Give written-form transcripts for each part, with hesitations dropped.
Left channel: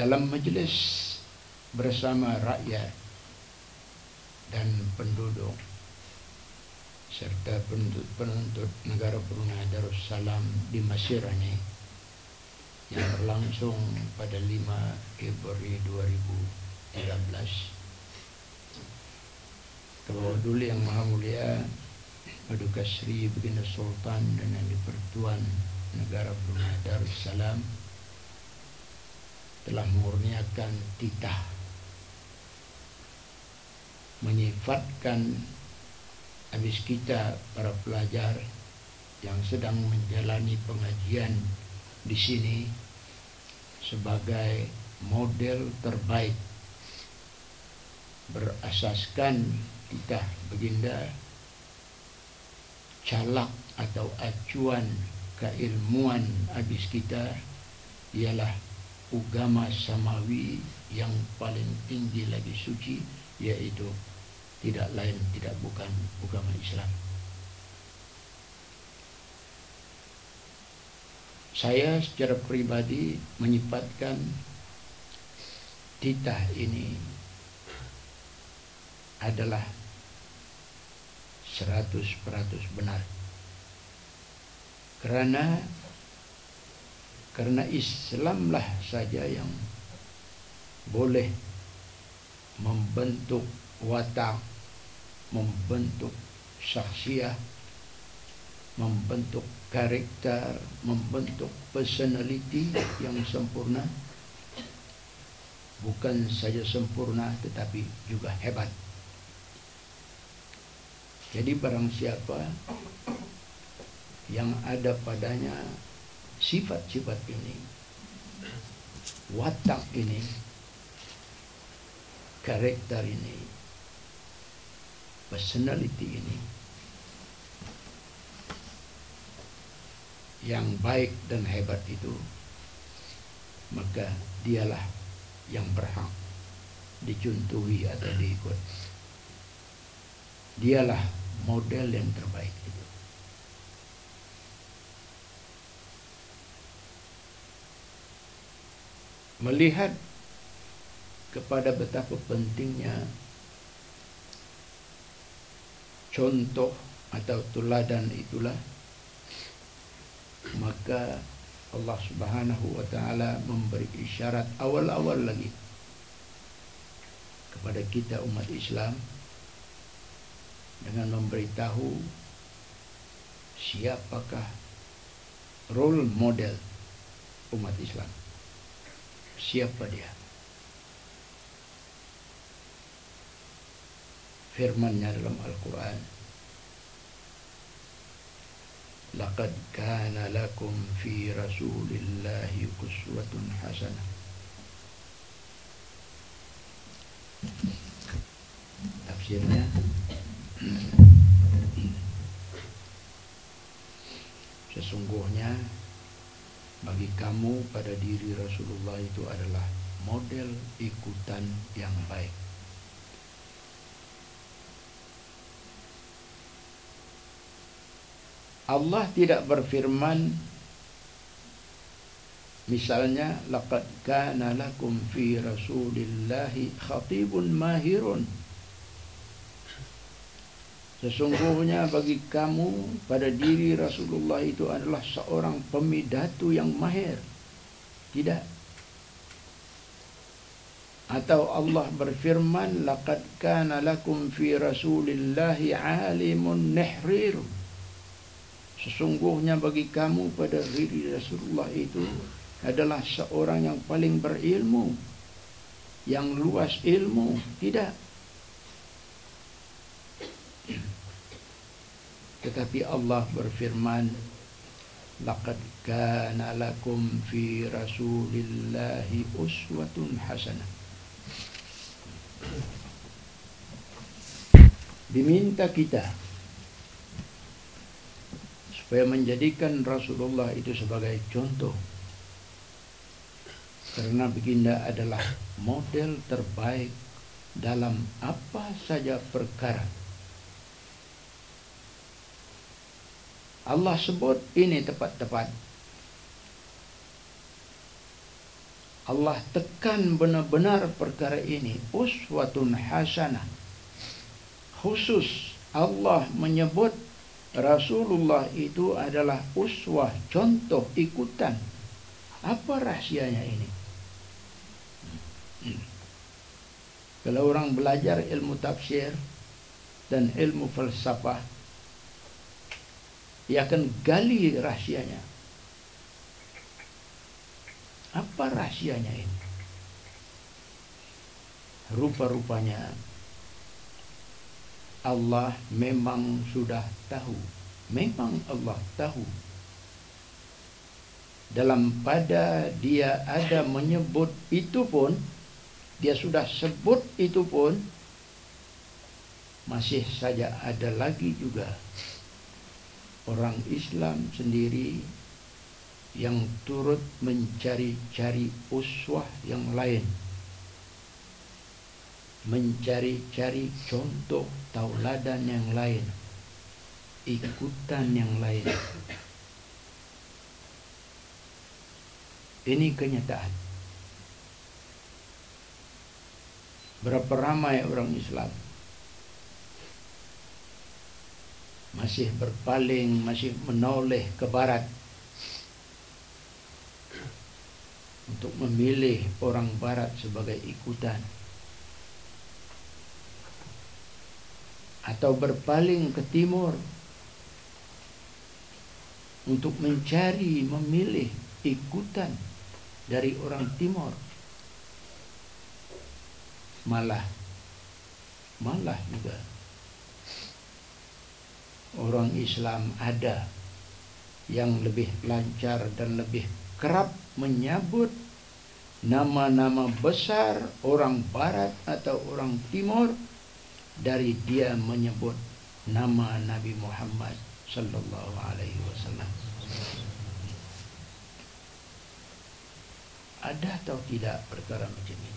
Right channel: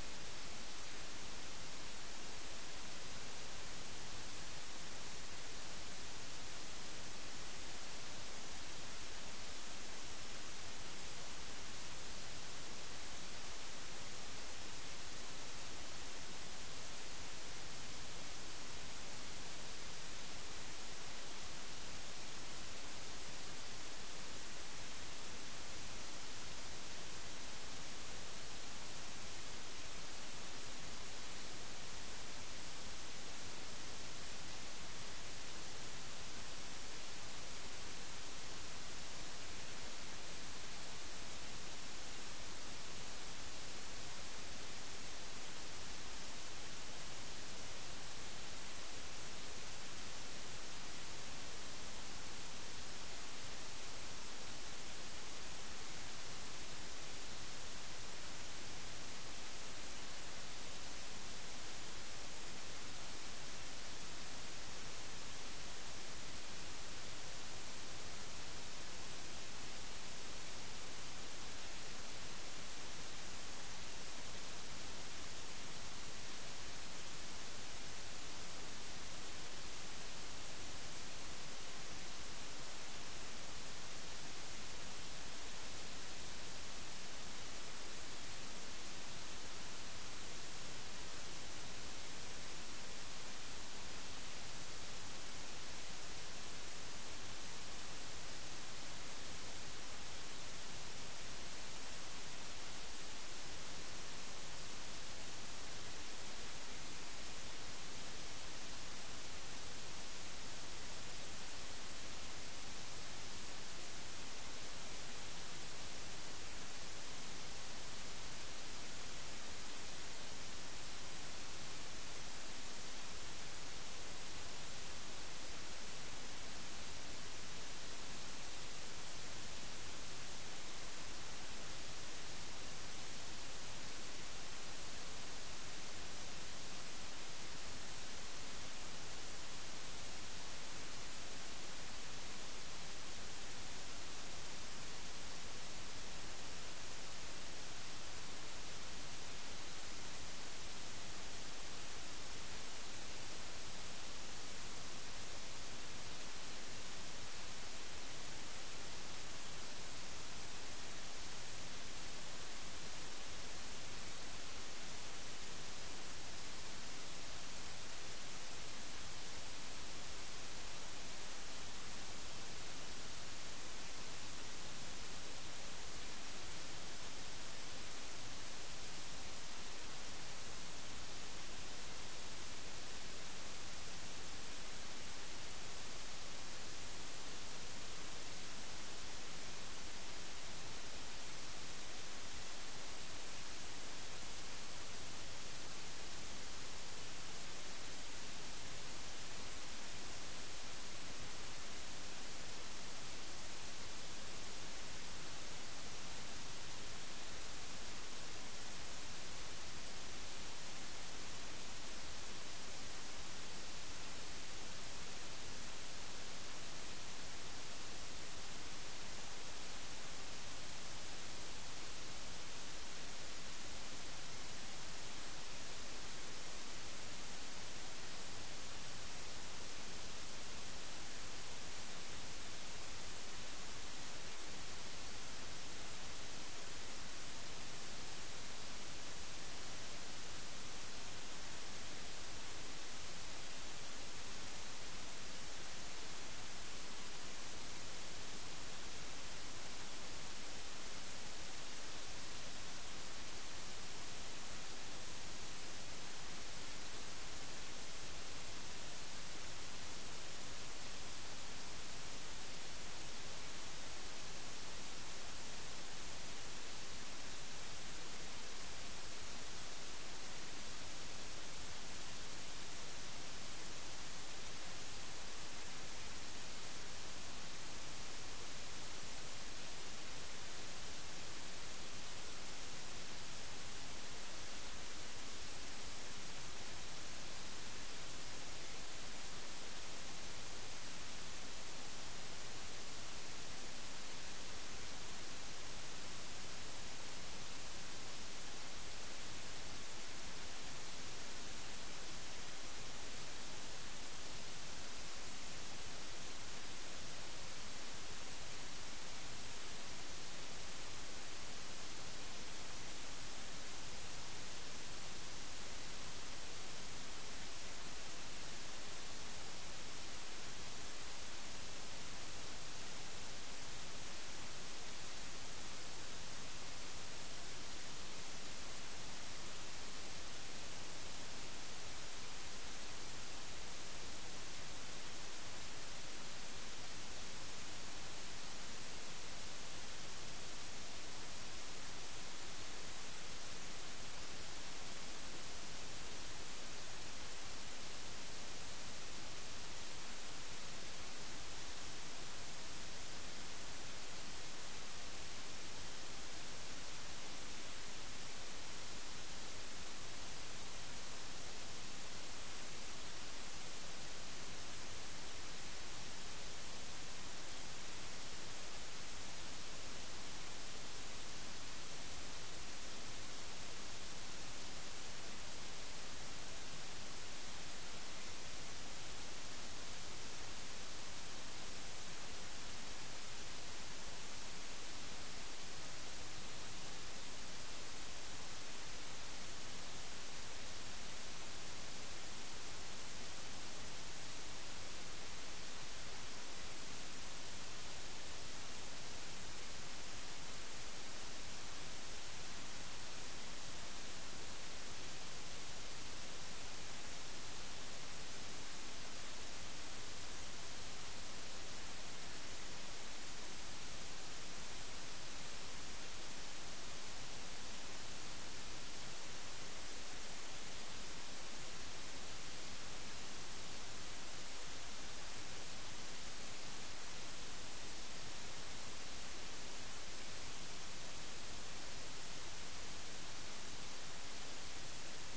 dalam majelis bersama rakyat dan penduduk serta penuntut negara Brunei Darussalam di Mesir ini yang berlangsung pada 5 Februari 2013. Dulu Yang Maha Mulia Paduka Sri Baginda Sultan dan Yang di-Pertuan Negara Brunei Darussalam telah mengurniakan titah menyifatkan habis kita para pelajar yang sedang menjalani pengajian di sini sebagai model terbaik berasaskan titah baginda calak atau acuan keilmuan habis kita ialah agama samawi yang paling tinggi lagi suci, yaitu tidak lain tidak bukan agama Islam. Saya secara pribadi menyifatkan titah ini adalah 100% benar. Karena Islamlah saja yang boleh membentuk watak, membentuk syakhsiah, membentuk karakter, membentuk personality yang sempurna. Bukan saja sempurna tetapi juga hebat. Jadi barang siapa yang ada padanya sifat-sifat ini, watak ini, karakter ini, personality ini yang baik dan hebat itu, maka dialah yang berhak dicontohi atau diikut. Dialah model yang terbaik itu. Melihat kepada betapa pentingnya contoh atau teladan itulah, maka Allah Subhanahu wa ta'ala memberi isyarat awal-awal lagi kepada kita umat Islam dengan memberitahu siapakah role model umat Islam. Siapa dia? Firman-Nya dalam Al-Quran, laqad kana lakum fi rasulillahi uswatun hasanah. Tafsirnya, sesungguhnya bagi kamu pada diri Rasulullah itu adalah model ikutan yang baik. Allah tidak berfirman misalnya laqad kana lakum fi rasulillahi khatibun mahirun, sesungguhnya bagi kamu pada diri Rasulullah itu adalah seorang pemidatu yang mahir. Tidak. Atau Allah berfirman laqad kana lakum fi rasulillahi alimun nihrir, sesungguhnya bagi kamu pada diri Rasulullah itu adalah seorang yang paling berilmu, yang luas ilmu. Tidak. Tetapi Allah berfirman laqad kana lakum fi rasulillahi uswatun hasanah. Diminta kita supaya menjadikan Rasulullah itu sebagai contoh, karena baginda adalah model terbaik dalam apa saja perkara. Allah sebut ini tepat-tepat. Allah tekan benar-benar perkara ini, uswatun hasanah. Khusus Allah menyebut Rasulullah itu adalah uswah, contoh ikutan. Apa rahsianya ini? Kalau orang belajar ilmu tafsir dan ilmu falsafah, ia akan gali rahsianya. Apa rahsianya ini? Rupa-rupanya Allah memang sudah tahu. Memang Allah tahu. Dalam pada dia ada menyebut itu pun, dia sudah sebut itu pun, masih saja ada lagi juga orang Islam sendiri yang turut mencari-cari uswah yang lain, mencari-cari contoh tauladan yang lain, ikutan yang lain. Ini kenyataan. Berapa ramai orang Islam masih berpaling, masih menoleh ke barat untuk memilih orang barat sebagai ikutan, atau berpaling ke timur untuk mencari, memilih ikutan dari orang timur. Malah juga orang Islam ada yang lebih lancar dan lebih kerap menyebut nama-nama besar orang barat atau orang timur dari dia menyebut nama Nabi Muhammad sallallahu alaihi wasallam. Ada atau tidak perkara macam ini?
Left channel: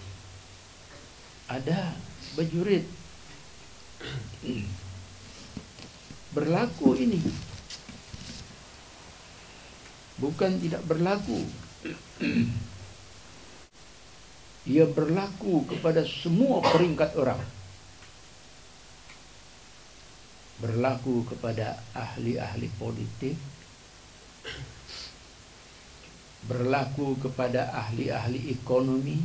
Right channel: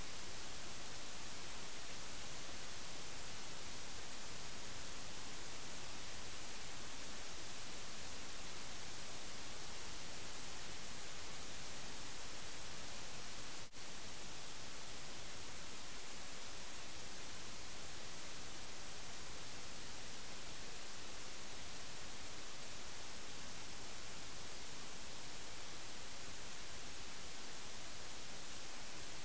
Ada, berjurit. Berlaku ini. Bukan tidak berlaku. Ia berlaku kepada semua peringkat orang. Berlaku kepada ahli-ahli politik, berlaku kepada ahli-ahli ekonomi,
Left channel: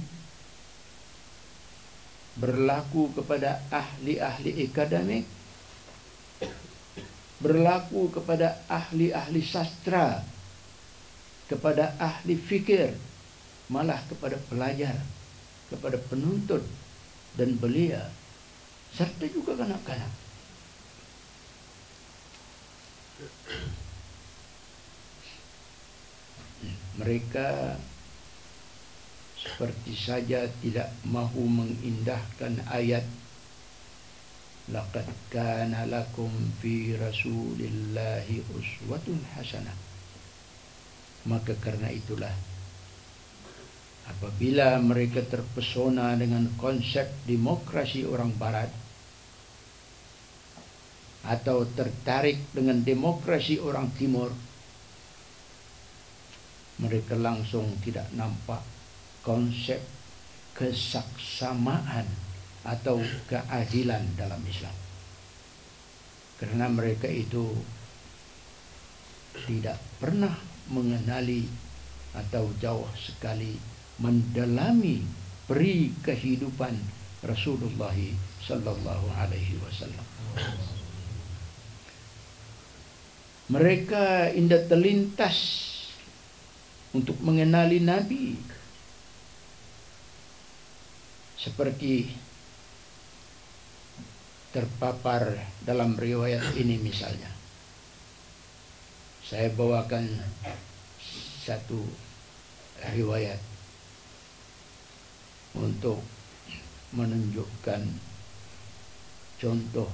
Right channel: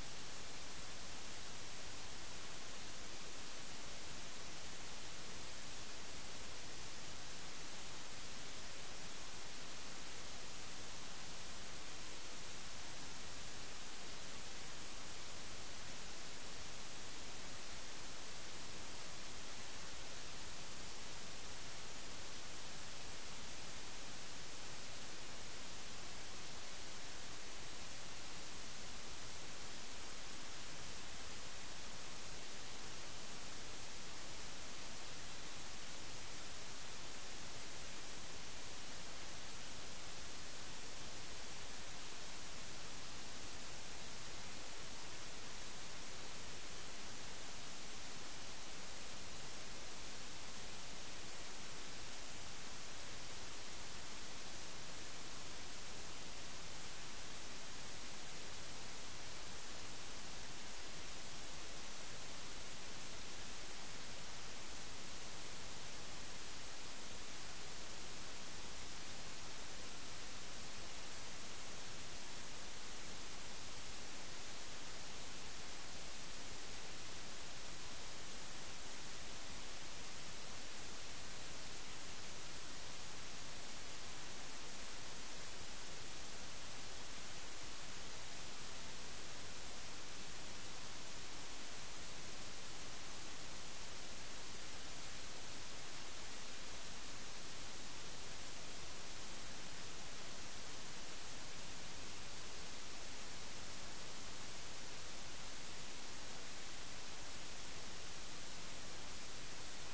berlaku kepada ahli-ahli akademik, berlaku kepada ahli-ahli sastra, kepada ahli fikir, malah kepada pelajar, kepada penuntut dan belia, serta juga kanak-kanak. Mereka seperti saja tidak mahu mengindahkan ayat laqad kana lakum fi rasulillahi uswatun hasanah. Maka karena itulah, apabila mereka terpesona dengan konsep demokrasi orang barat atau tertarik dengan demokrasi orang timur, mereka langsung tidak nampak konsep kesaksamaan atau keadilan dalam Islam. Karena mereka itu tidak pernah mengenali atau jauh sekali mendalami peri kehidupan Rasulullah sallallahu alaihi wasallam. Mereka indah terlintas untuk mengenali Nabi, seperti terpapar dalam riwayat ini. Misalnya, saya bawakan satu riwayat untuk menunjukkan contoh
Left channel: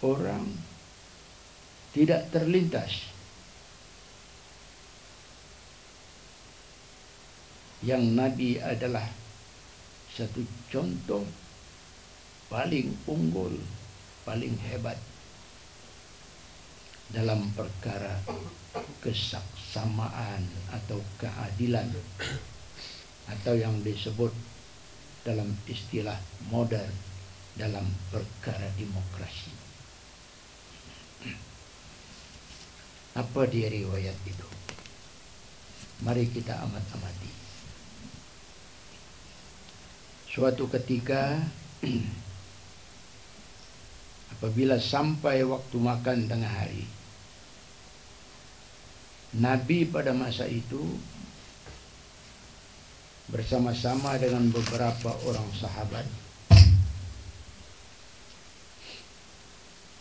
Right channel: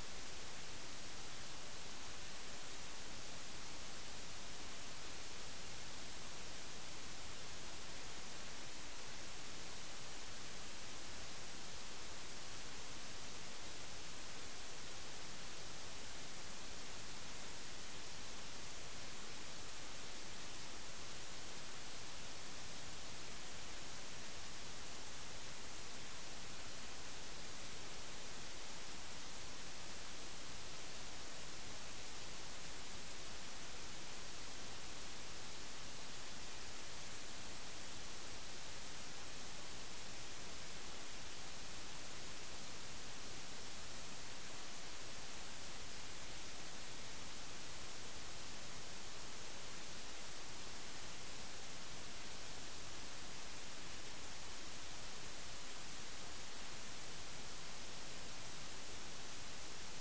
orang tidak terlintas yang Nabi adalah satu contoh paling unggul, paling hebat dalam perkara kesaksamaan atau keadilan atau yang disebut dalam istilah modern dalam perkara demokrasi. Apa dia riwayat itu? Mari kita amat-amati. Suatu ketika apabila sampai waktu makan tengah hari, Nabi pada masa itu bersama-sama dengan beberapa orang sahabat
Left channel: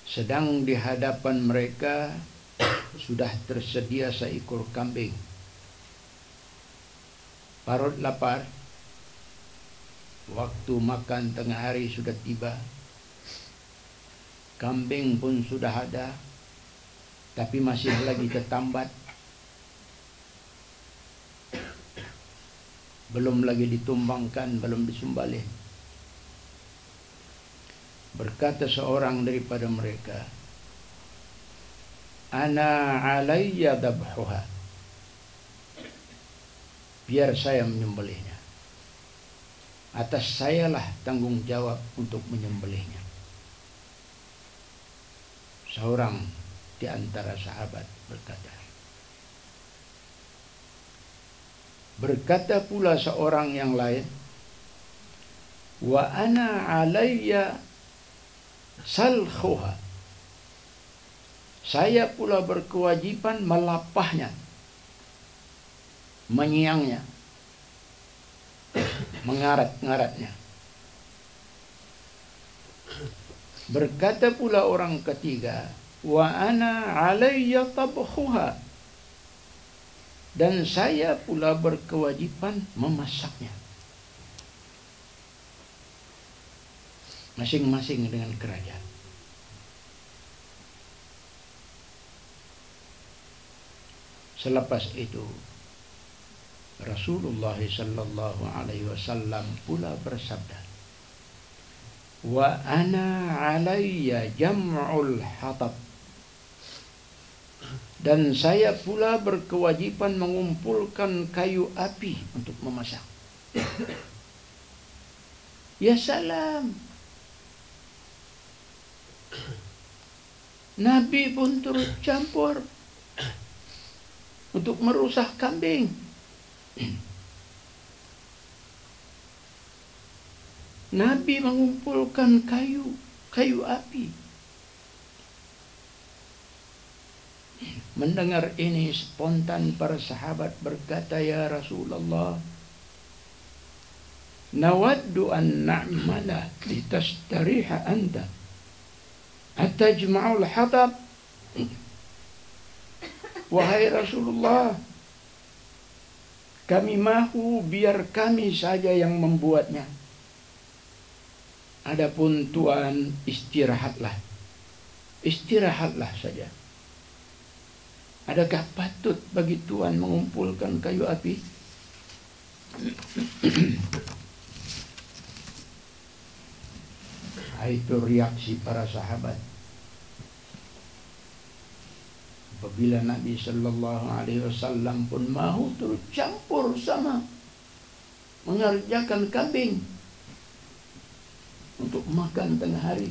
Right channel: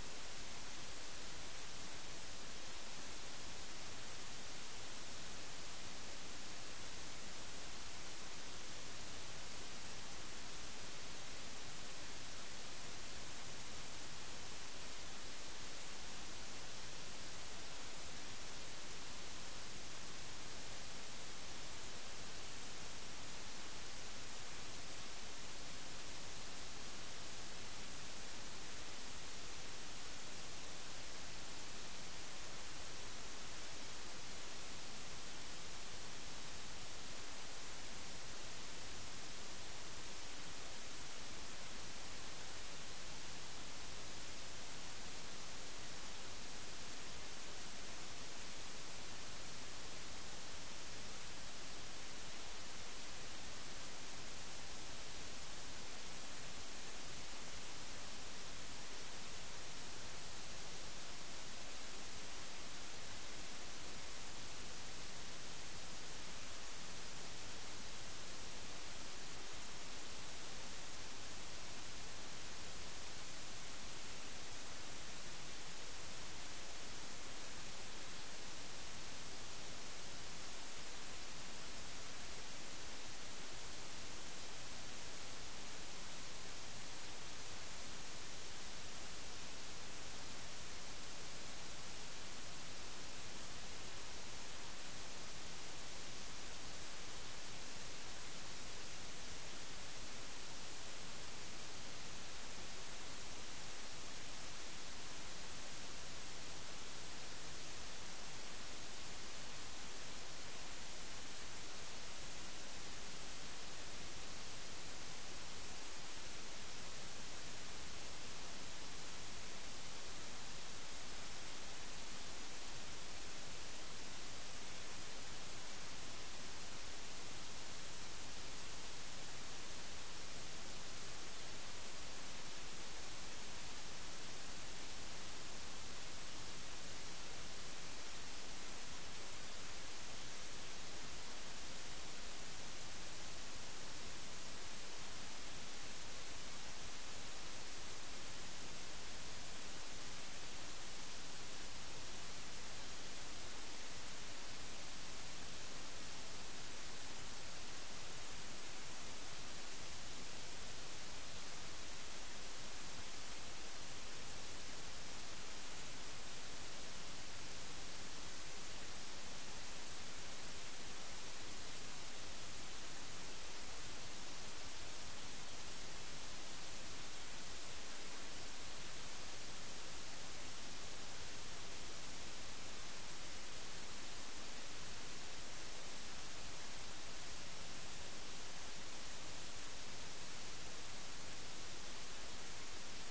sedang di hadapan mereka sudah tersedia seekor kambing. Parut lapar, waktu makan tengah hari sudah tiba, kambing pun sudah ada, tapi masih lagi ketambat, belum lagi ditumbangkan, belum disembelih. Berkata seorang daripada mereka, "Ana alayya dabhuha." Biar saya menyembelihnya. Atas sayalah tanggung jawab untuk menyembelihnya. Seorang di antara sahabat berkata. Berkata pula seorang yang lain, "Wa ana alayya salkhuha." Saya pula berkewajiban melapahnya, menyiangnya, mengarat-ngaratnya. Berkata pula orang ketiga, "Wa ana alayya tabkhuha." Dan saya pula berkewajiban memasaknya. Masing-masing dengan kerajaan. Selepas itu Rasulullah sallallahu alaihi wasallam pula bersabda, "Wa ana alayya jam'ul hatab." Dan saya pula berkewajiban mengumpulkan kayu api untuk memasak. Ya salam. Nabi pun turut campur untuk merusak kambing. Nabi mengumpulkan kayu api. Mendengar ini spontan para sahabat berkata, "Ya Rasulullah, nawaddu an na'mala litastariha anta atajma'ul hatab." Wahai Rasulullah, kami mahu biar kami saja yang membuatnya. Adapun Tuhan istirahatlah. Istirahatlah saja. Adakah patut bagi Tuhan mengumpulkan kayu api? Itu reaksi para sahabat. Apabila Nabi sallallahu alaihi wasallam pun mahu turut campur sama mengerjakan kambing untuk makan tengah hari.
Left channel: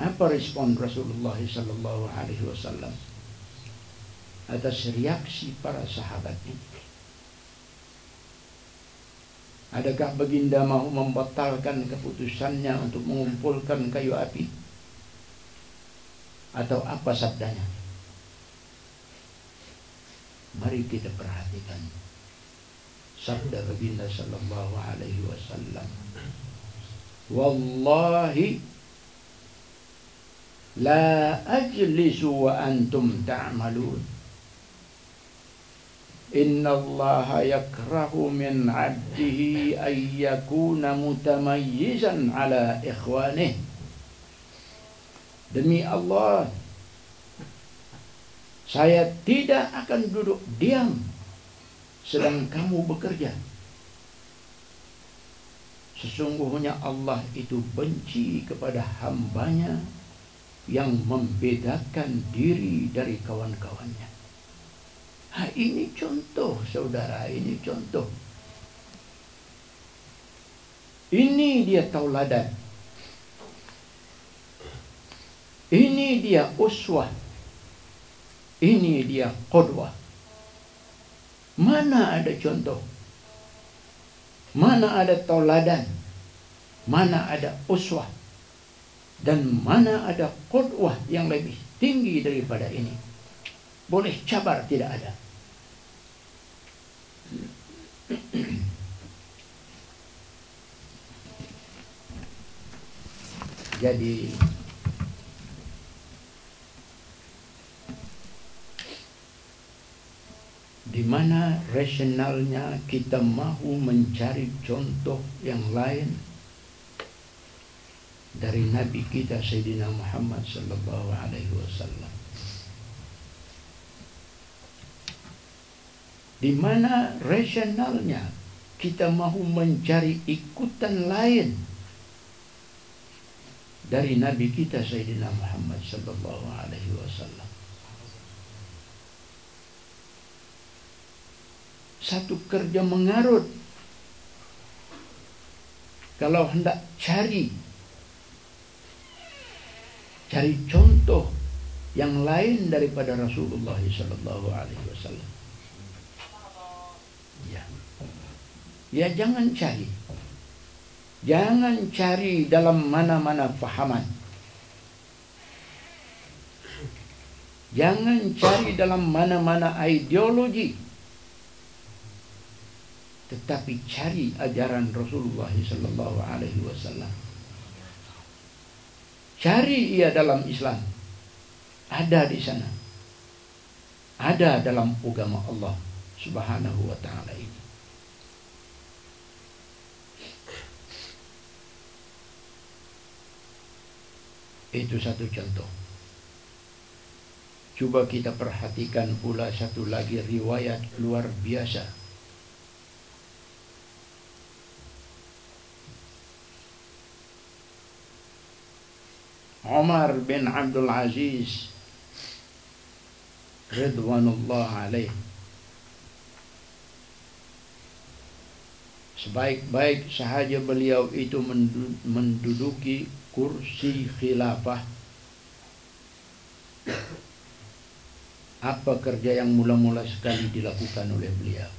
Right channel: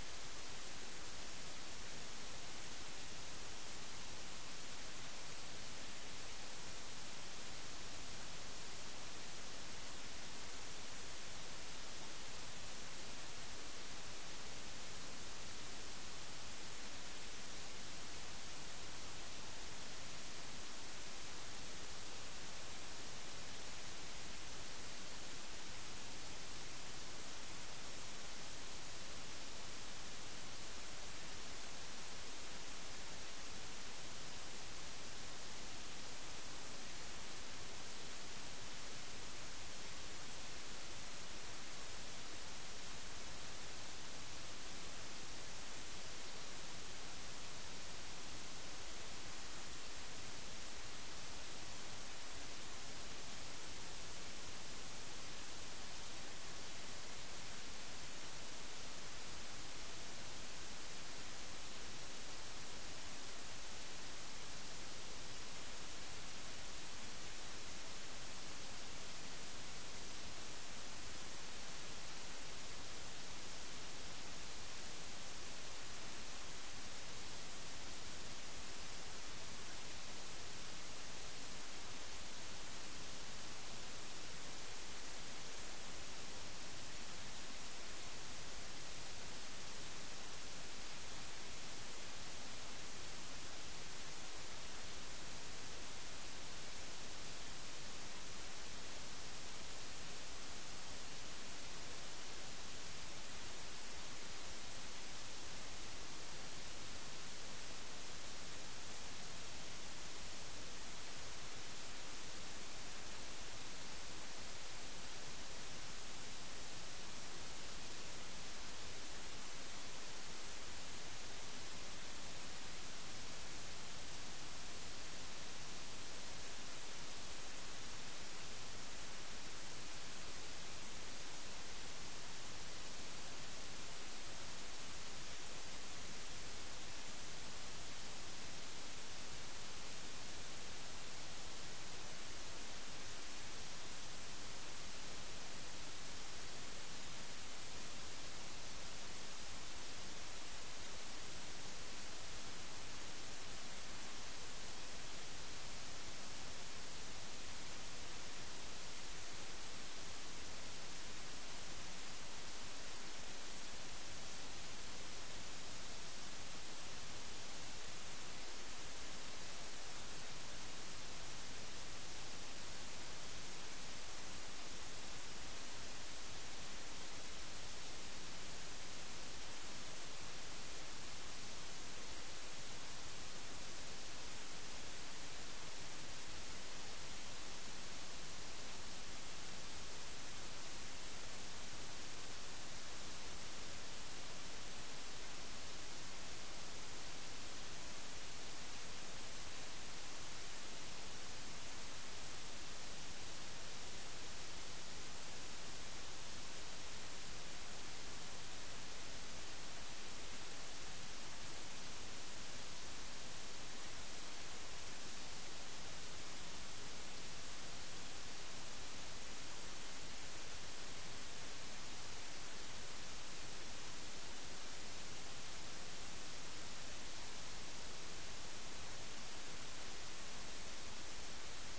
Apa respon Rasulullah sallallahu alaihi wasallam atas reaksi para sahabat ini? Adakah baginda mahu membatalkan keputusannya untuk mengumpulkan kayu api? Atau apa sabdanya? Mari kita perhatikan sabda baginda sallallahu alaihi wasallam. Wallahi la ajlisu wa antum ta'malun. Inna Allah yakrahu min 'abdihi ay yakuna mutamayyizan ala ikhwanih. Demi Allah, saya tidak akan duduk diam sedang kamu bekerja. Sesungguhnya Allah itu benci kepada hambanya yang membedakan diri dari kawan-kawannya. Ini contoh, saudara, ini contoh. Ini dia tauladan. Ini dia uswah. Ini dia qudwah. Mana ada contoh? Mana ada tauladan? Mana ada uswah? Dan mana ada qudwah yang lebih tinggi daripada ini? Boleh cabar, tidak ada. Jadi di mana rasionalnya kita mahu mencari contoh yang lain dari Nabi kita Sayyidina Muhammad sallallahu alaihi wasallam. Di mana rasionalnya kita mahu mencari ikutan lain dari Nabi kita Sayyidina Muhammad sallallahu alaihi wasallam. Satu kerja mengarut. Kalau hendak cari contoh yang lain daripada Rasulullah sallallahu alaihi wasallam. Ya jangan cari. Jangan cari dalam mana-mana fahaman. Jangan cari dalam mana-mana ideologi. Tetapi cari ajaran Rasulullah sallallahu alaihi wasallam. Cari ia dalam Islam. Ada di sana. Ada dalam agama Allah Subhanahu wa taala ini. Itu satu contoh. Coba kita perhatikan pula satu lagi riwayat luar biasa. Umar bin Abdul Aziz Ridwanullah alaih, sebaik-baik sahaja beliau itu menduduki kursi khilafah, apa kerja yang mula-mula sekali dilakukan oleh beliau?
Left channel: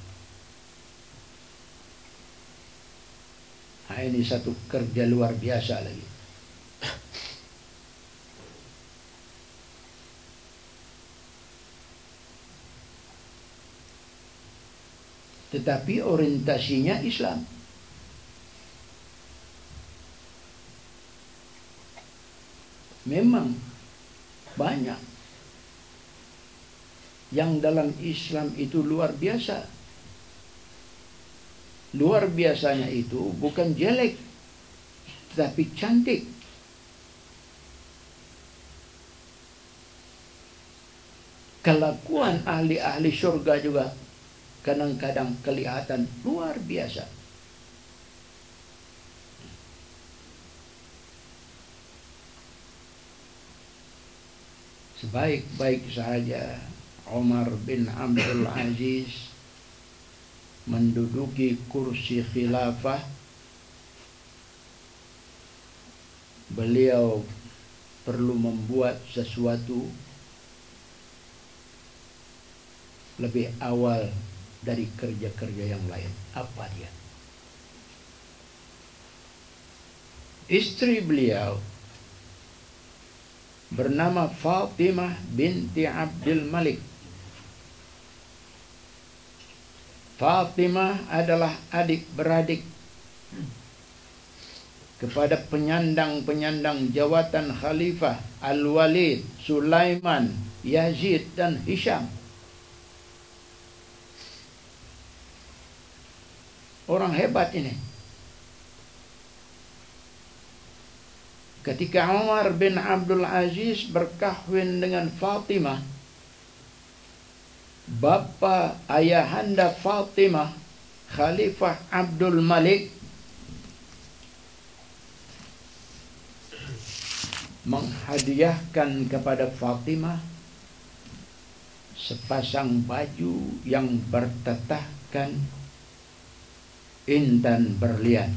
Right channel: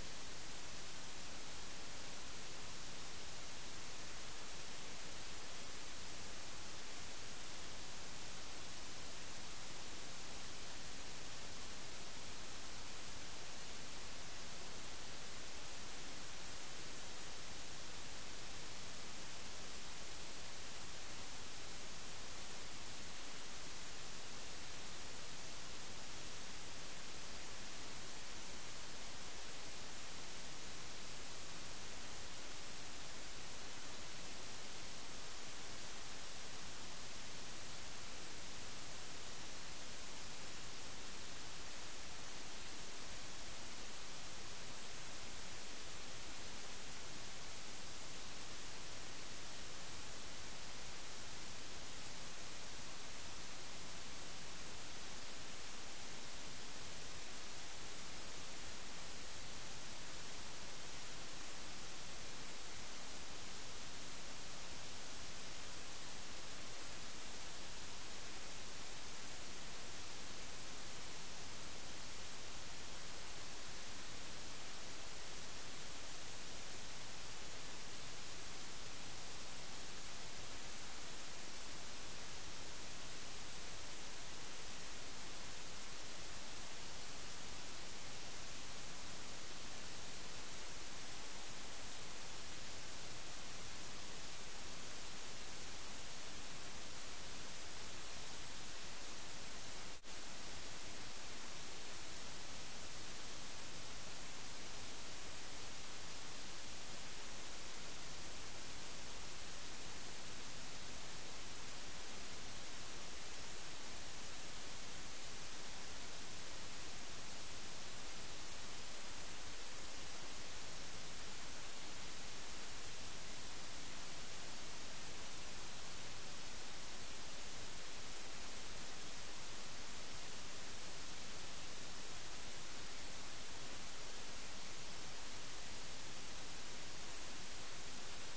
Nah, ini satu kerja luar biasa lagi. Tetapi orientasinya Islam. Memang banyak yang dalam Islam itu luar biasa. Luar biasanya itu bukan jelek, tapi cantik. Kelakuan ahli-ahli surga juga kadang-kadang kelihatan luar biasa. Sebaik-baik sahaja Umar bin Abdul Aziz menduduki kursi khilafah, beliau perlu membuat sesuatu lebih awal dari kerja-kerja yang lain. Apa dia? Istri beliau bernama Fatimah binti Abdul Malik. Fatimah adalah adik-beradik kepada penyandang-penyandang jawatan Khalifah Al-Walid, Sulaiman, Yazid dan Hisham. Orang hebat ini. Ketika Umar bin Abdul Aziz berkahwin dengan Fatimah, bapa ayahanda Fatimah, Khalifah Abdul Malik, menghadiahkan kepada Fatimah sepasang baju yang bertetahkan intan berlian.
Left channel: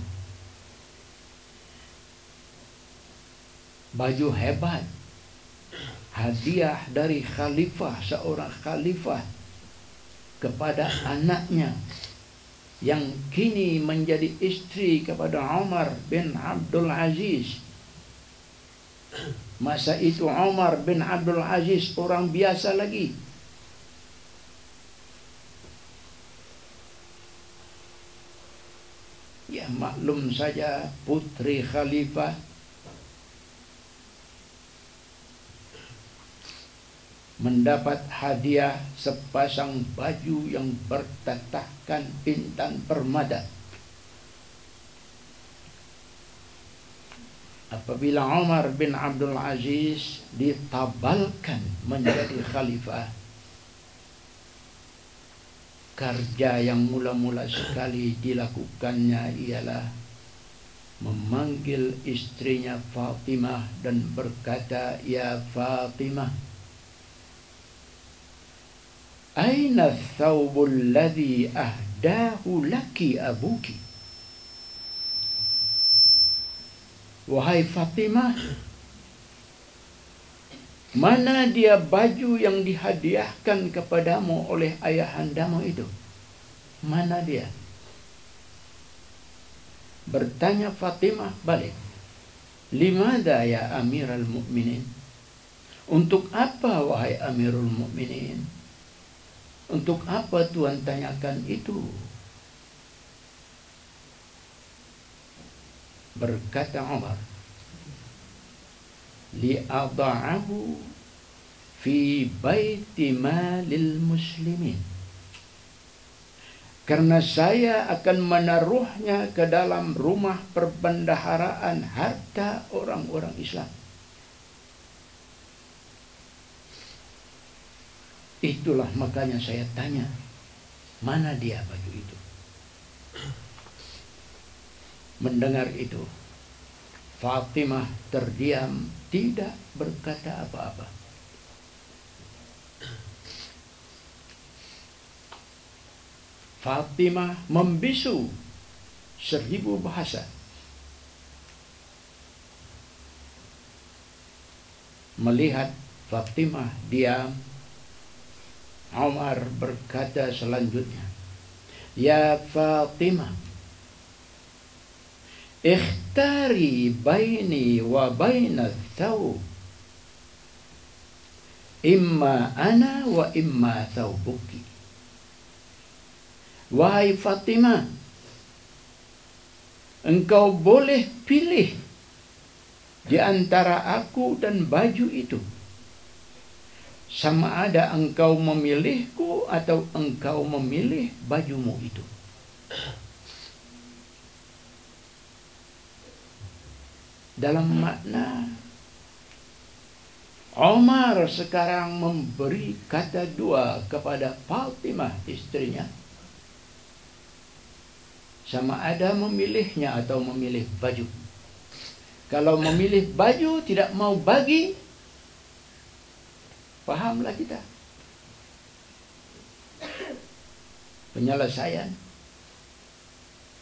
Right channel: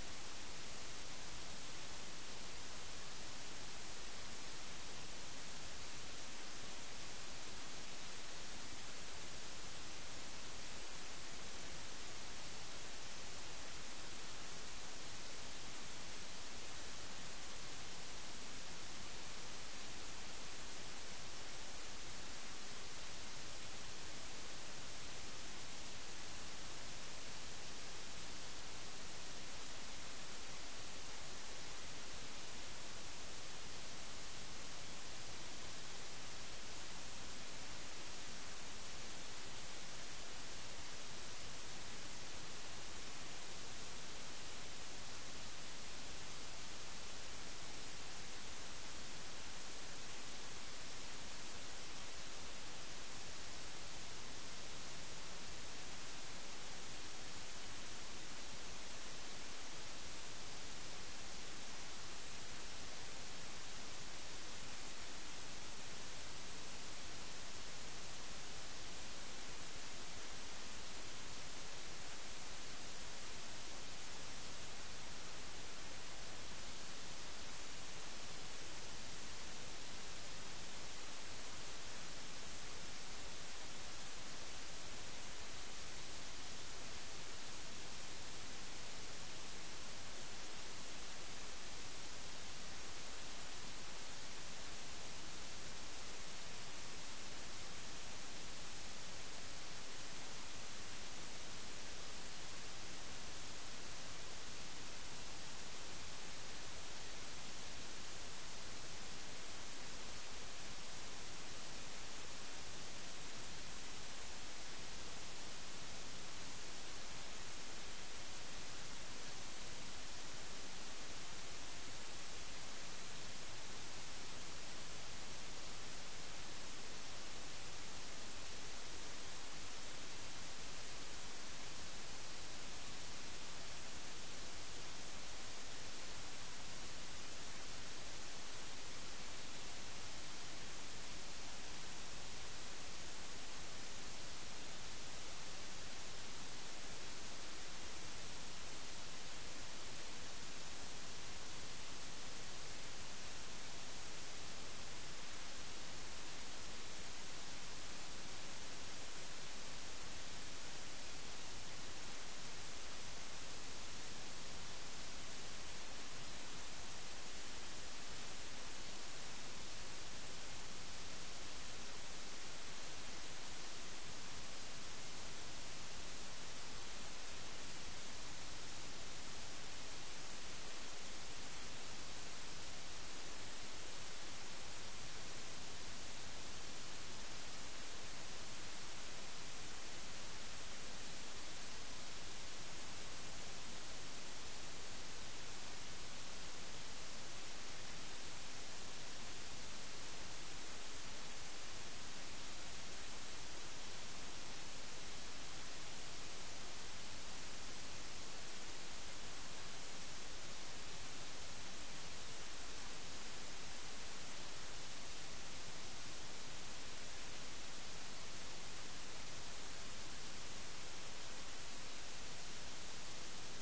Baju hebat, hadiah dari khalifah, seorang khalifah kepada anaknya yang kini menjadi istri kepada Umar bin Abdul Aziz. Masa itu Umar bin Abdul Aziz orang biasa lagi. Ya, maklum saja putri khalifah mendapat hadiah sepasang baju yang bertetahkan intan permata. Apabila Umar bin Abdul Aziz ditabalkan menjadi khalifah, kerja yang mula-mula sekali dilakukannya ialah memanggil istrinya Fatimah dan berkata, "Ya Fatimah, aina thawbul ladzi ahdahu laki abuki?" Wahai Fatimah, mana dia baju yang dihadiahkan kepadamu oleh ayahandamu itu? Mana dia? Bertanya Fatimah balik, "Limada ya Amirul Mukminin?" Untuk apa wahai Amirul Mukminin? Untuk apa Tuhan tanyakan itu? Berkata Umar, "Li'adha'ahu fi baiti malil muslimin." Karena saya akan menaruhnya ke dalam rumah perbendaharaan harta orang-orang Islam. Itulah makanya saya tanya, mana dia baju itu? Mendengar itu, Fatimah terdiam, tidak berkata apa-apa. Fatimah membisu 1000 bahasa. Melihat Fatimah diam, Umar berkata selanjutnya, "Ya Fatimah, ikhtari baini wa baina thawb, imma ana wa imma thawbuki." Wahai Fatimah, engkau boleh pilih di antara aku dan baju itu. Sama ada engkau memilihku atau engkau memilih bajumu itu. Dalam makna Umar sekarang memberi kata dua kepada Fatimah istrinya. Sama ada memilihnya atau memilih baju. Kalau memilih baju tidak mau bagi, pahamlah kita. Penyelesaian,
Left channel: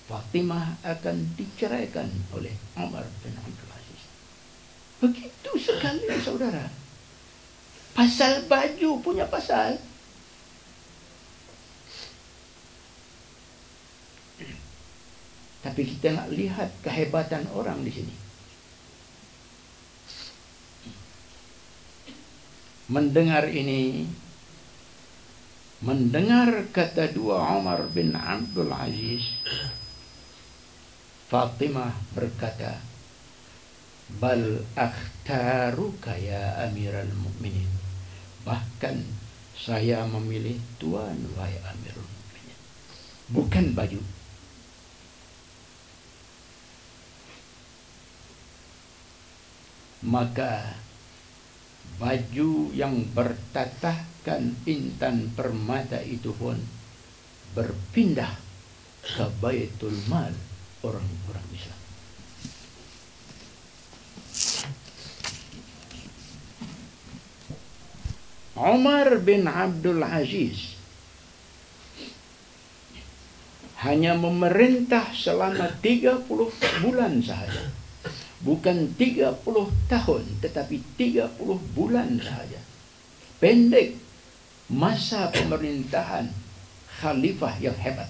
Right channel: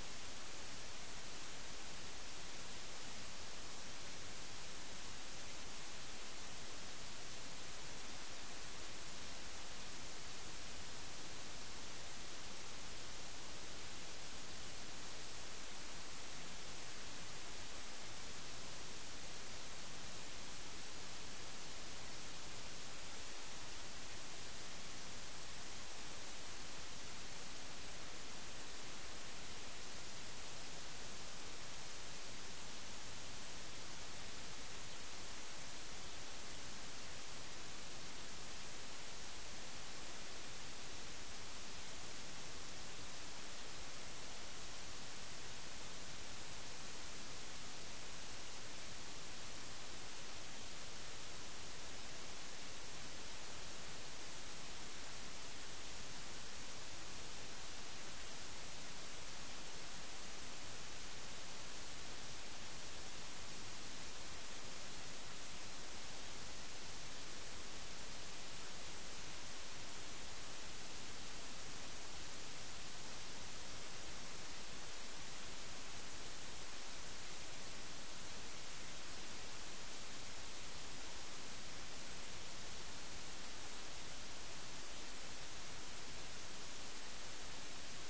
Fatimah akan diceraikan oleh Umar bin Abdul Aziz. Begitu sekali saudara. Pasal baju punya pasal. Tapi kita nak lihat kehebatan orang di sini. Mendengar ini, mendengar kata dua Umar bin Abdul Aziz, Fatimah berkata, "Bal akhtaruka ya Amirul Mukminin." Bahkan saya memilih Tuan wahai Amirul Mukminin, bukan baju. Maka baju yang bertatahkan intan permata itu pun berpindah ke Baitul Mal orang-orang Islam. Umar bin Abdul Aziz hanya memerintah selama 30 bulan sahaja. Bukan 30 tahun, tetapi 30 bulan sahaja. Pendek masa pemerintahan khalifah yang hebat.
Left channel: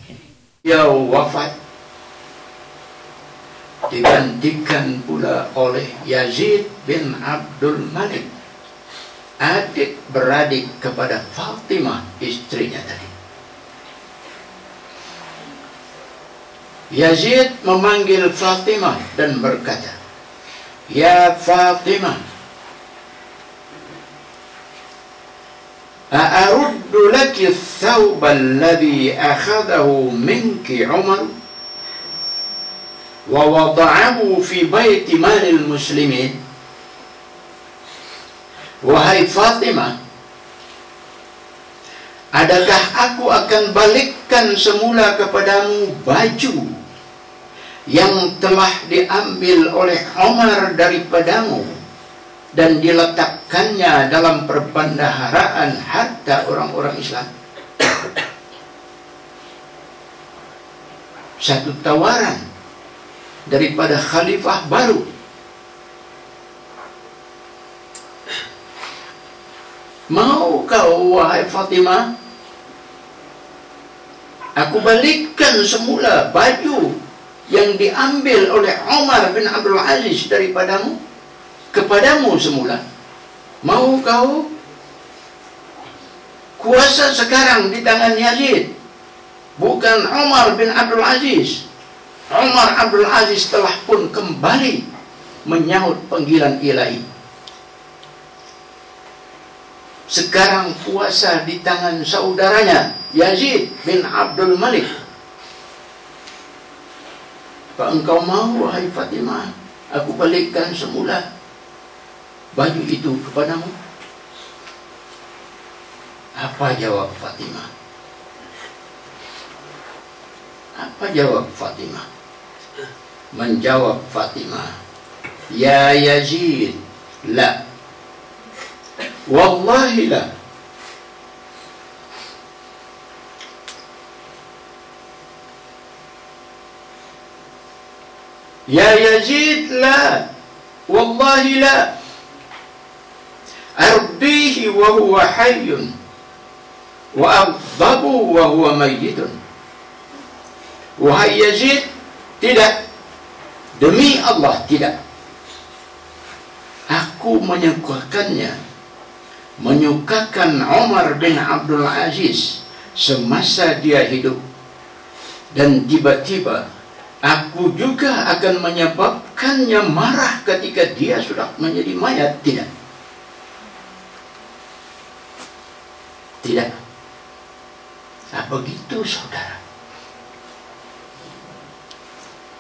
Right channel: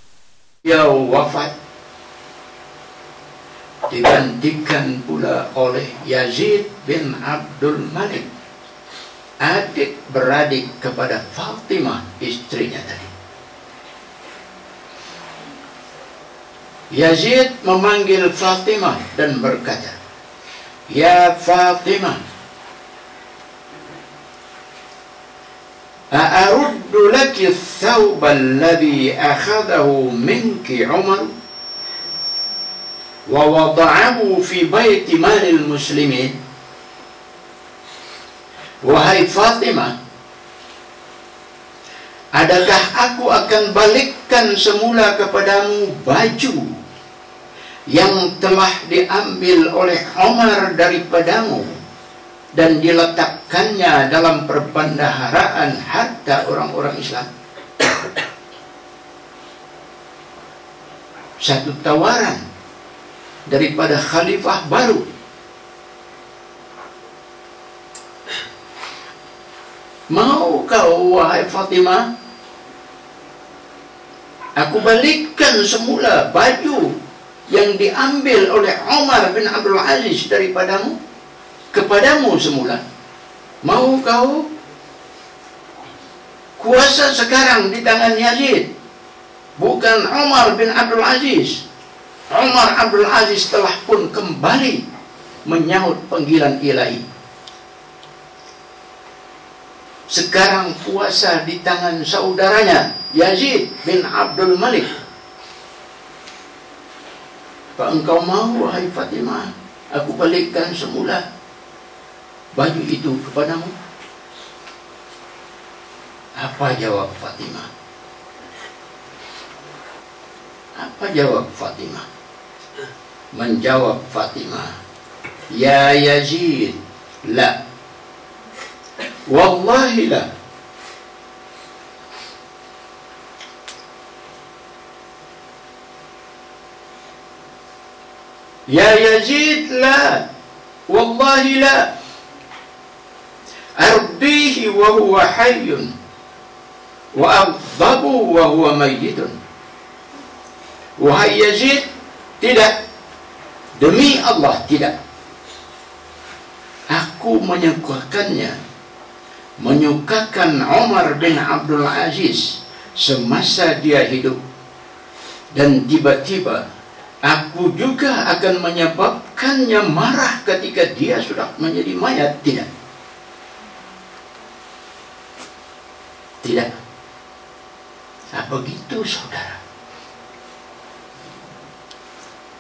Dia wafat digantikan pula oleh Yazid bin Abdul Malik, adik beradik kepada Fatimah, istrinya tadi. Yazid memanggil Fatimah dan berkata, "Ya Fatimah, a'aruddu laki ath-thawb alladhi akhadahu minki Umar wa wada'ahu fi baiti malil muslimin?" Wahai Fatimah, adakah aku akan balikkan semula kepadamu baju yang telah diambil oleh Umar daripadamu dan diletakkannya dalam perbendaharaan harta orang-orang Islam? Satu tawaran daripada khalifah baru. Mau kau, wahai Fatimah, aku balikkan semula baju yang diambil oleh Umar bin Abdul Aziz daripadamu kepadamu semula? Mau kau? Kuasa sekarang di tangan Yazid, bukan Umar bin Abdul Aziz. Umar Abdul Aziz telah pun kembali menyahut panggilan ilahi. Sekarang kuasa di tangan saudaranya Yazid bin Abdul Malik. Apa engkau mau, wahai Fatimah, aku balikkan semula baju itu kepadamu? Apa jawab Fatimah? Apa jawab Fatimah? Menjawab Fatimah, "Ya Yazid, la. Wallahi la. Ya Yazid, la. Wallahi la. Ardihi wa huwa hayyun wa aghdhabu wa huwa mayyitun." Wahai Yazid, tidak. Demi Allah, tidak. Aku menyukakan Umar bin Abdul Aziz semasa dia hidup, dan tiba-tiba aku juga akan menyebabkannya marah ketika dia sudah menjadi mayat. Tidak. Tidak. Apa begitu, saudara?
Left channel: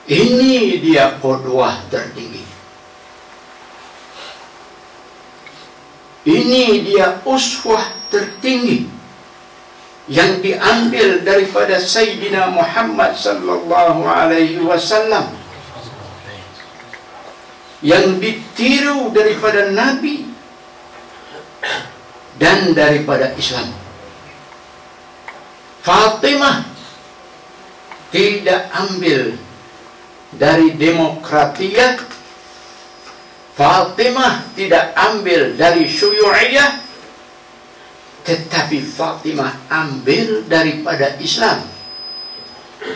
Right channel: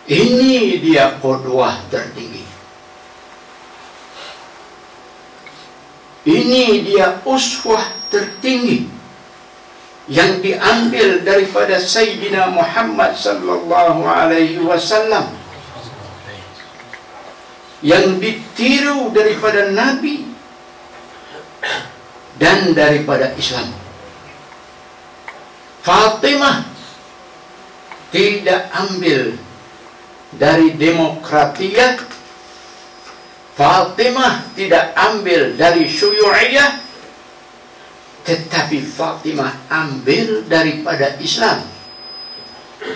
Ini dia qudwah tertinggi. Ini dia uswah tertinggi yang diambil daripada Sayyidina Muhammad sallallahu alaihi wasallam, yang ditiru daripada Nabi dan daripada Islam. Fatimah tidak ambil dari demokratiyah, Fatimah tidak ambil dari syuyu'iyah, tetapi Fatimah ambil daripada Islam.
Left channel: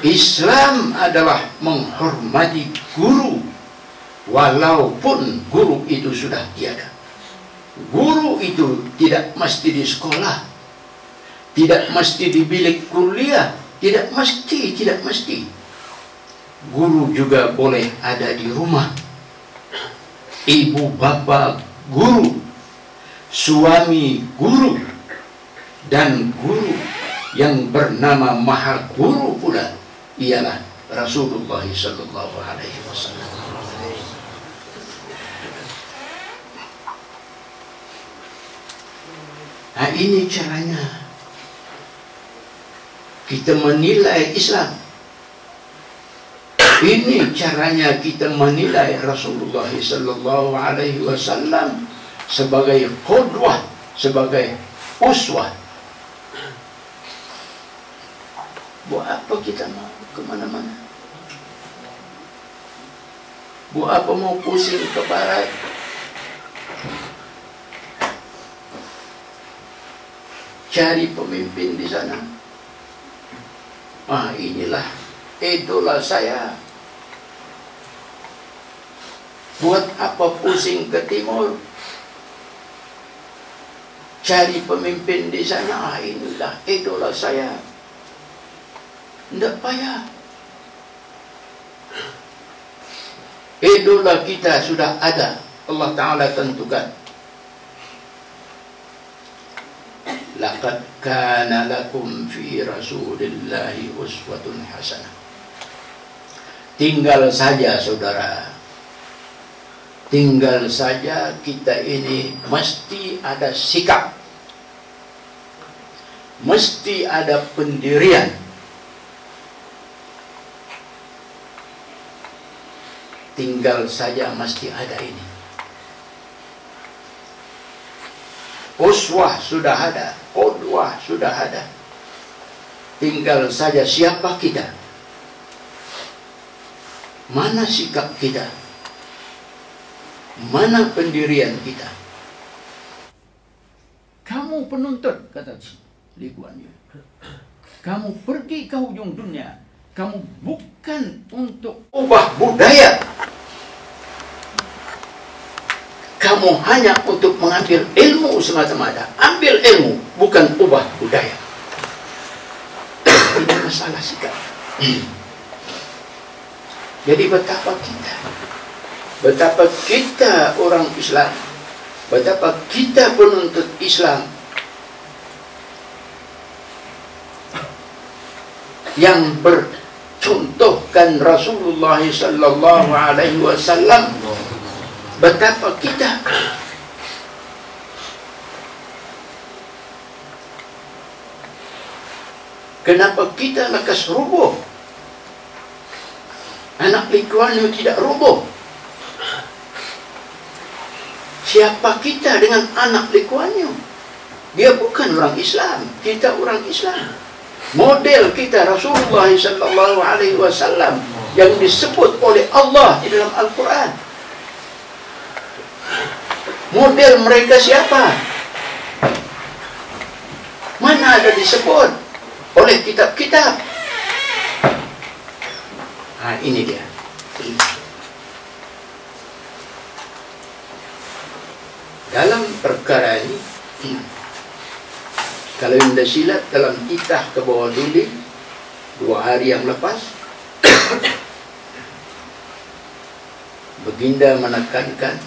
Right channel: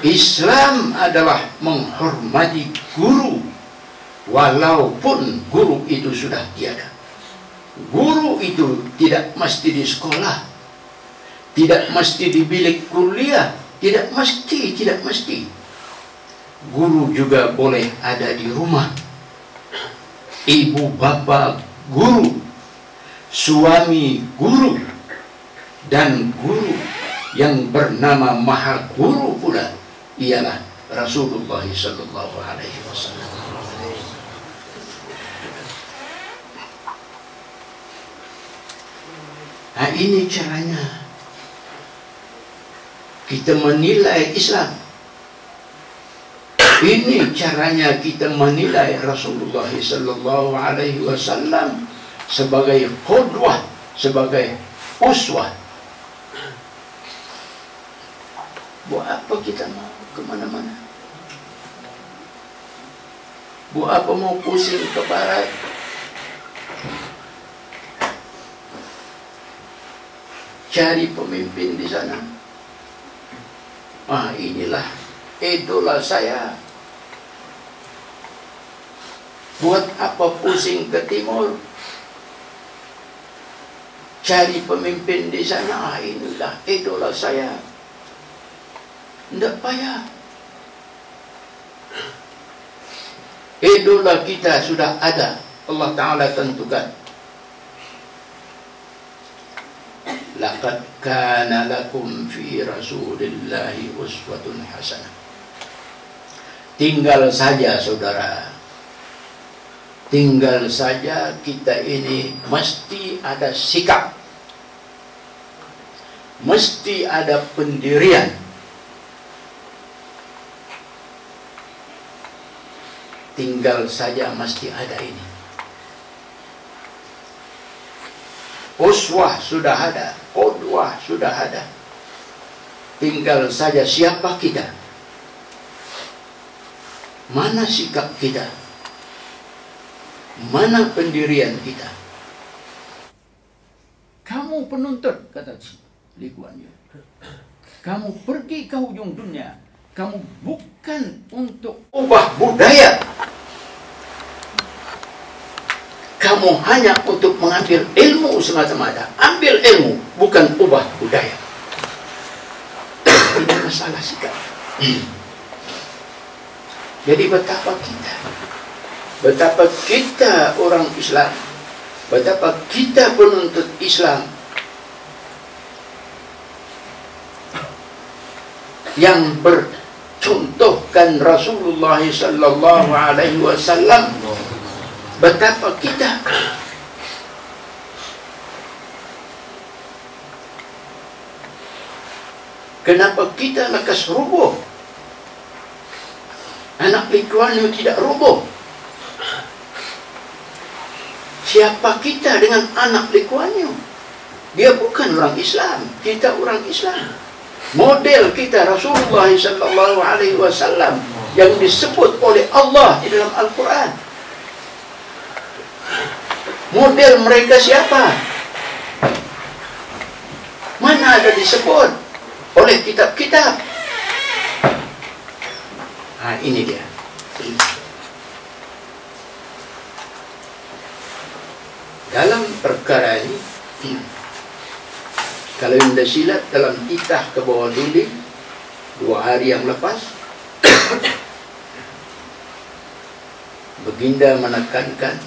Islam adalah menghormati guru, walaupun guru itu sudah tiada. Guru itu tidak mesti di sekolah, tidak mesti di bilik kuliah, tidak mesti. Guru juga boleh ada di rumah. Ibu bapa guru, suami guru, dan guru yang bernama Maha Guru pula ialah Rasulullah sallallahu alaihi wasallam. Nah, ini caranya kita menilai Islam. Ini caranya kita menilai Rasulullah sallallahu alaihi wasallam sebagai qudwah, sebagai uswah. Buat apa kita mau kemana-mana? Buat apa mau pusing ke barat? Cari pemimpin di sana. Inilah idola saya. Buat apa pusing ke timur? Cari pemimpin di sana. Inilah idola saya. Tidak payah. Idola kita sudah ada. Allah Ta'ala tentukan. Laqad kana lakum fi Rasulillahi uswatun hasanah. Tinggal saja saudara, tinggal saja kita ini mesti ada sikap, mesti ada pendirian. Tinggal saja mesti ada ini. Uswah sudah ada, qudwah sudah ada. Tinggal saja siapa kita, mana sikap kita, mana pendirian kita. Kamu penuntut, kata Lee Kuan Yew, kamu pergi ke ujung dunia, kamu bukan untuk ubah budaya. Kamu hanya untuk mengambil ilmu semata-mata. Ambil ilmu, bukan ubah budaya. Ini masalah sikap. Jadi betapa kita orang Islam, betapa kita penuntut Islam yang bercontohkan Rasulullah sallallahu alaihi wasallam. Betapa kita kenapa kita lekas rubuh? Anak Lee Kuan Yew tidak rubuh. Siapa kita dengan anak Lee Kuan Yew? Dia bukan orang Islam, kita orang Islam. Model kita Rasulullah sallallahu alaihi wasallam yang disebut oleh Allah di dalam Al-Quran. Model mereka siapa? Mana ada disebut oleh kitab-kitab? Ini dia. Dalam perkara ini, kalau anda silat dalam titah ke bawah dinding 2 hari yang lepas, Baginda menekankan,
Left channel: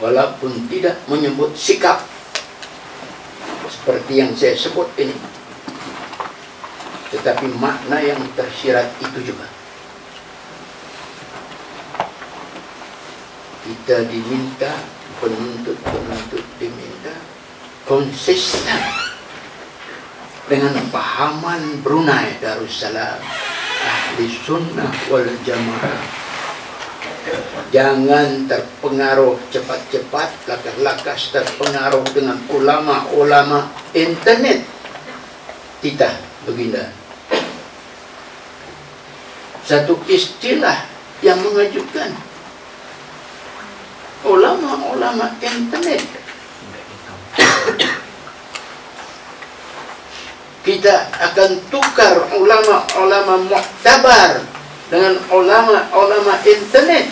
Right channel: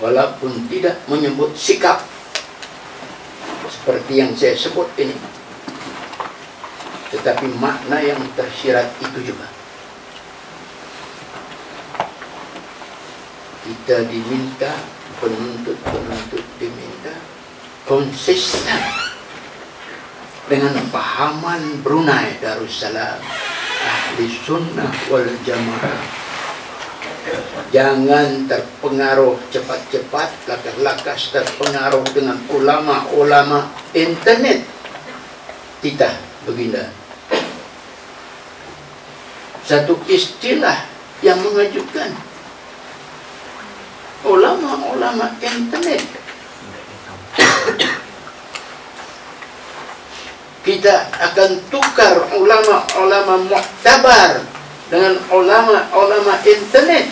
walaupun tidak menyebut sikap seperti yang saya sebut ini, tetapi makna yang tersirat itu juga. Kita diminta, penuntut diminta konsisten dengan pahaman Brunei Darussalam Ahli Sunnah wal Jamaah. Jangan terpengaruh cepat-cepat, lakas-lakas terpengaruh dengan ulama-ulama internet. Titah Baginda. Satu istilah yang mengejutkan. Ulama-ulama internet. Kita akan tukar ulama-ulama muktabar dengan ulama-ulama internet.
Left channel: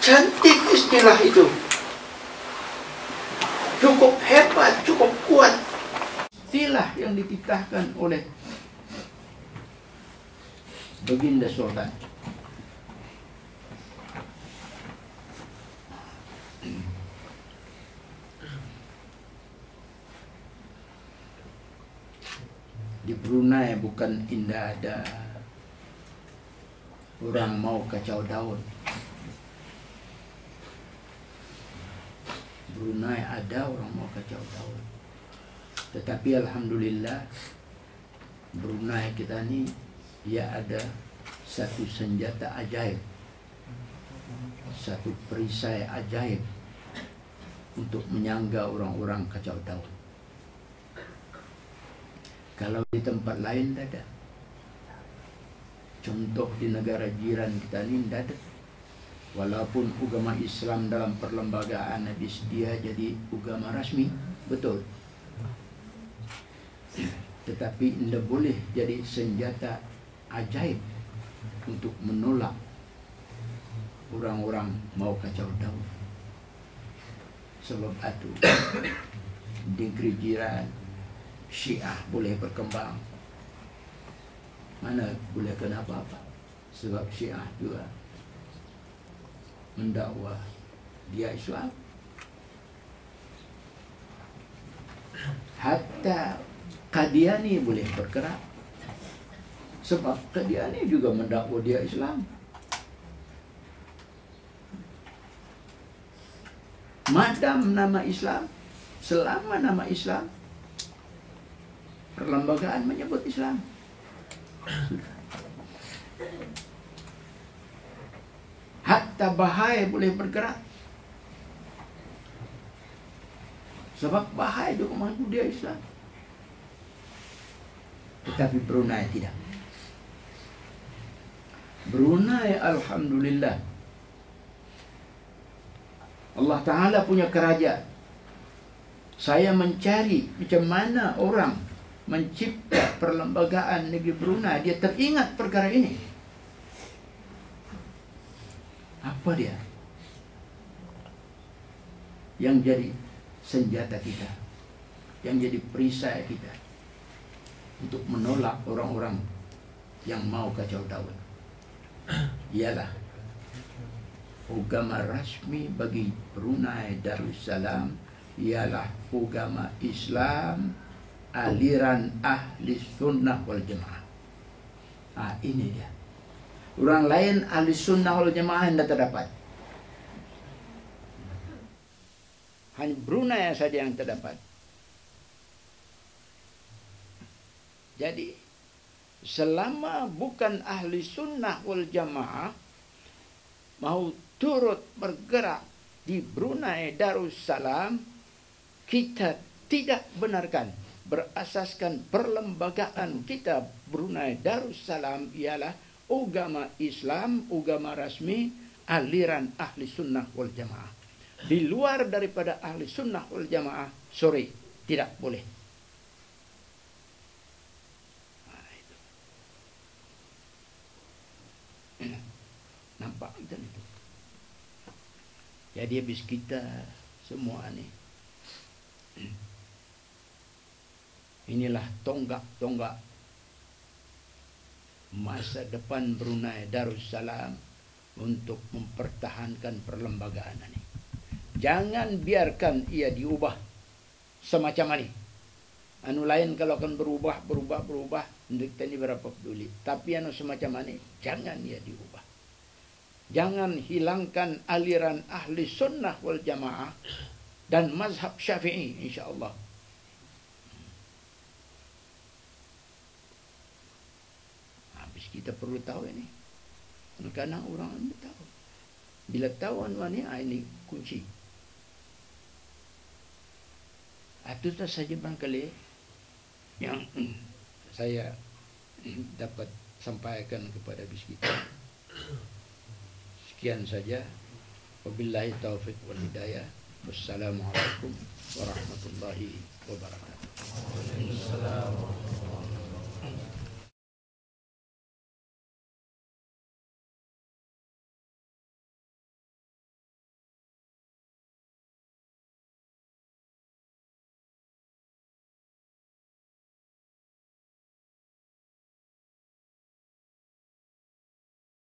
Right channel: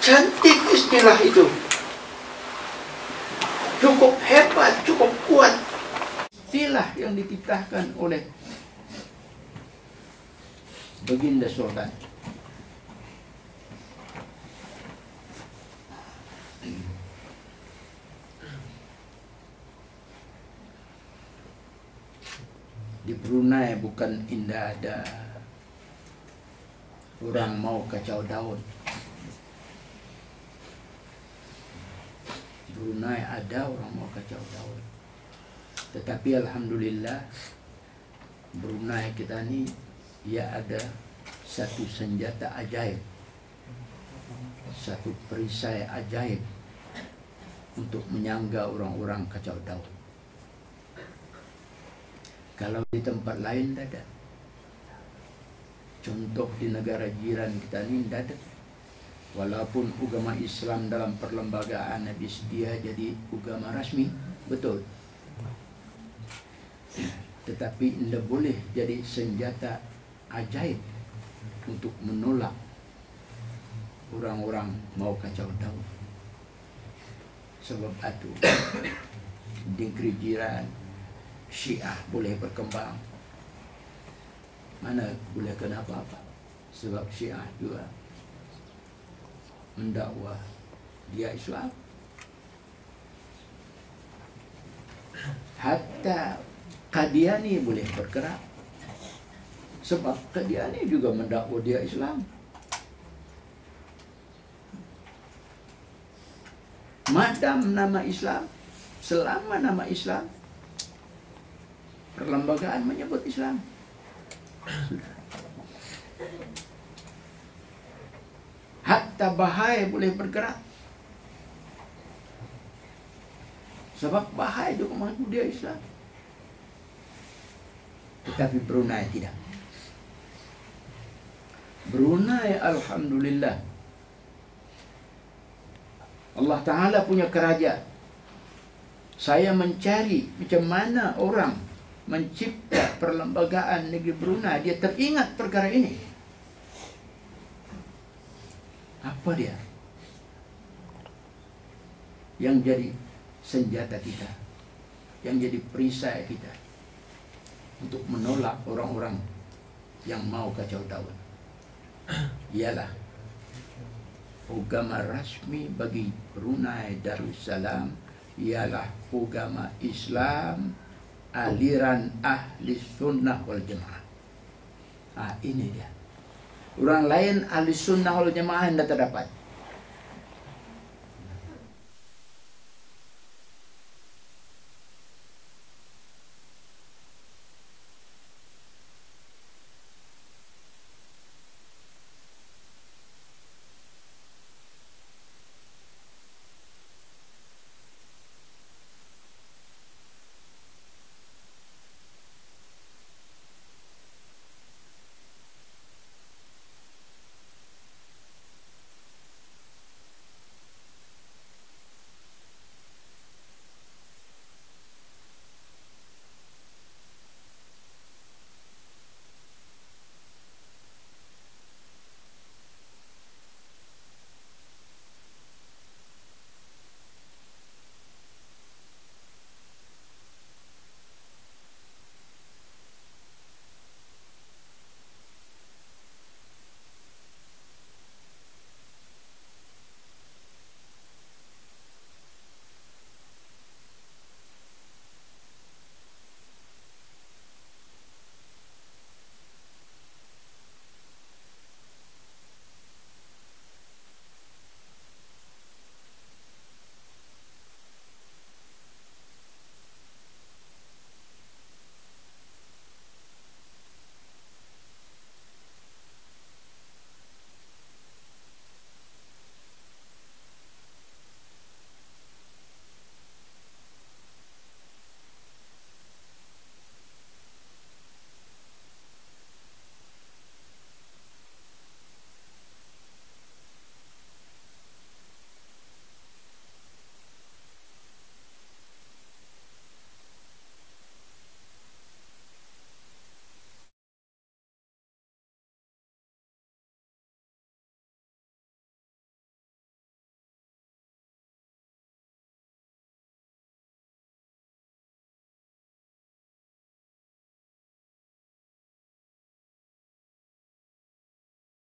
Cantik istilah itu. Cukup hebat, cukup kuat. Istilah yang dititahkan oleh Baginda Sultan. Di Brunei bukan indah ada orang mau kacau daun. Brunei ada orang mau kacau daun. Tetapi alhamdulillah Brunei kita ni ia ada satu senjata ajaib satu perisai ajaib untuk menyangga orang-orang kacau Daud. Kalau di tempat lain tidak ada. Contoh di negara jiran kita ini tidak ada. Walaupun agama Islam dalam perlembagaan habis dia jadi agama rasmi, betul. Tetapi tidak boleh jadi senjata ajaib untuk menolak orang-orang mau kacau Daud. Sebab itu di negeri jiran Syiah boleh berkembang, mana boleh kena apa-apa. Sebab Syiah juga mendakwa dia Islam. Hatta Qadiani boleh bergerak, sebab Qadiani juga mendakwa dia Islam. Madam nama Islam, selama nama Islam, perlembagaan menyebut Islam. Hatta Bahai boleh bergerak, sebab Bahai juga mengaku dia Islam. Tetapi Brunei tidak. Brunei alhamdulillah, Allah Ta'ala punya kerajaan. Saya mencari macam mana orang mencipta perlembagaan negeri Brunei, dia teringat perkara ini. Apa dia yang jadi senjata kita, yang jadi perisai kita untuk menolak orang-orang yang mau kacau Daud? Ialah agama rasmi bagi Brunei Darussalam ialah agama Islam aliran ahli sunnah wal jamaah. Ini dia. Orang lain ahli sunnah wal jamaah tidak terdapat. Hanya Brunei saja yang terdapat. Jadi selama bukan ahli sunnah wal jamaah mau turut bergerak di Brunei Darussalam, kita tidak benarkan. Berasaskan perlembagaan kita Brunei Darussalam ialah agama Islam, agama rasmi aliran ahli sunnah wal jamaah. Di luar daripada ahli sunnah wal jamaah, sorry, tidak boleh. Nampak macam itu. Jadi habis kita semua ni, inilah tonggak-tonggak masa depan Brunei Darussalam untuk mempertahankan perlembagaan ini. Jangan biarkan ia diubah semacam ini. Anu lain kalau akan berubah, kita ini berapa peduli. Tapi anu semacam ini, jangan ia diubah. Jangan hilangkan aliran ahli sunnah wal jamaah dan mazhab Syafi'i, insyaAllah. Kita perlu tahu ini. Kadang orang ambil tahu. Bila tahu ini kunci. Itu saja barangkali yang saya dapat sampaikan kepada bis kita. Sekian saja. Wabillahi taufiq wal hidayah. Wassalamualaikum warahmatullahi wabarakatuh.